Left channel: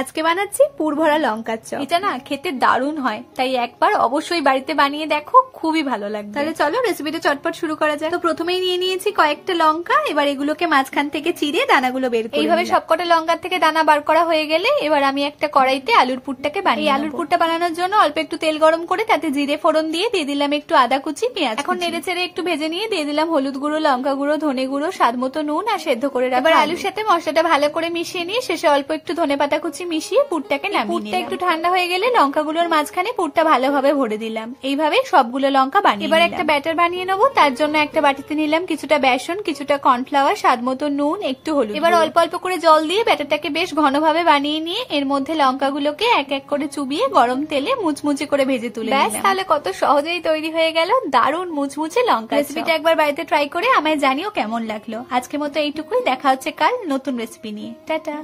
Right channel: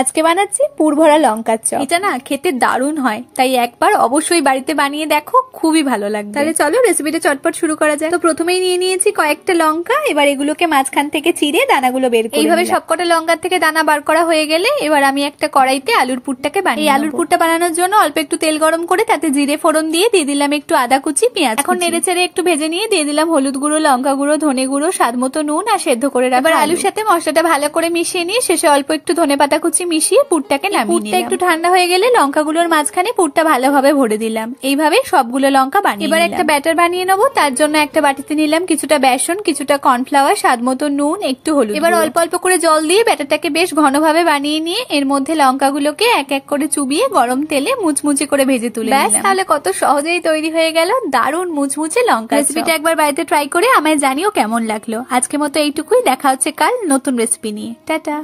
আজকে বানাচ্ছি পুর ভরা লঙ্কার চপ। এটা না খেতে দারুণ হয়, তাই একবার অবশ্যই বাড়িতে বানিয়ে দেখো, খুবই ভালো লাগবে। তাহলে চলো রেসিপিটা চটপট শুরু করা যায়। তো প্রথমেই নিয়ে নিয়েছি কয়েকটা লঙ্কা, এবার এগুলোকে মাঝখান থেকে চিড়ে দানাগুলো বের করে এইভাবে সবকটা লঙ্কার থেকে দানা বার করা হয়ে গেলে এবার আমি একটা কড়াইতে আলুর পুরটাকে বানিয়ে এই আলুর পুরটা বানানোর জন্য অল্প একটু তেল গরম করে তাতে জিরে ফোড়ন দিয়ে দিলাম একটু আদা কুচি, পেঁয়াজ। এখন নেড়ে চেড়ে একটু ভেজে নিয়ে দিয়ে দিলাম হলুদ গুঁড়ো, লঙ্কা গুঁড়ো, ধনে গুঁড়ো, স্বাদ মতো নুন আর সেদ্ধ করে রাখা। এবার আলুর সাথে মশলাটা ভালো করে মিশিয়ে নিয়ে শেষে অল্প একটু ধনেপাতা কুচি মিশিয়ে পুরটাকে নামিয়ে নিলাম। একটু ঠান্ডা হয়ে গেলে লঙ্কাগুলোর মাঝখানে পুরটা ভালোভাবে ভরে দিলাম। এইভাবে সবগুলো লঙ্কা বানিয়ে এবার একটা ব্যাটার বানিয়ে নেবো। তার জন্য একটা বাটিতে নিলাম কিছুটা বেসন, কিছুটা কর্নফ্লাওয়ার, স্বাদ মতো নুন, একটু হলুদ। এবার অল্প অল্প করে জল দিয়ে ব্যাটারটাকে বেশ ঘনভাবে বানিয়ে নিয়ে এর মধ্যে লঙ্কাগুলোকে এক এক করে চুবিয়ে গরম তেলে মুচমুচে করে ভেজে তুলে ব্যাস, তাহলে কত সহজেই তৈরি হয়ে গেল দারুণ মুচমুচে লঙ্কা। রেসিপিটা একবার বাড়িতে ট্রাই করে আমায় জানিও কেমন লাগলো। আজকের মতো এইটুকুই, দেখা হচ্ছে কাল নতুন রেসিপি নিয়ে। টাটা।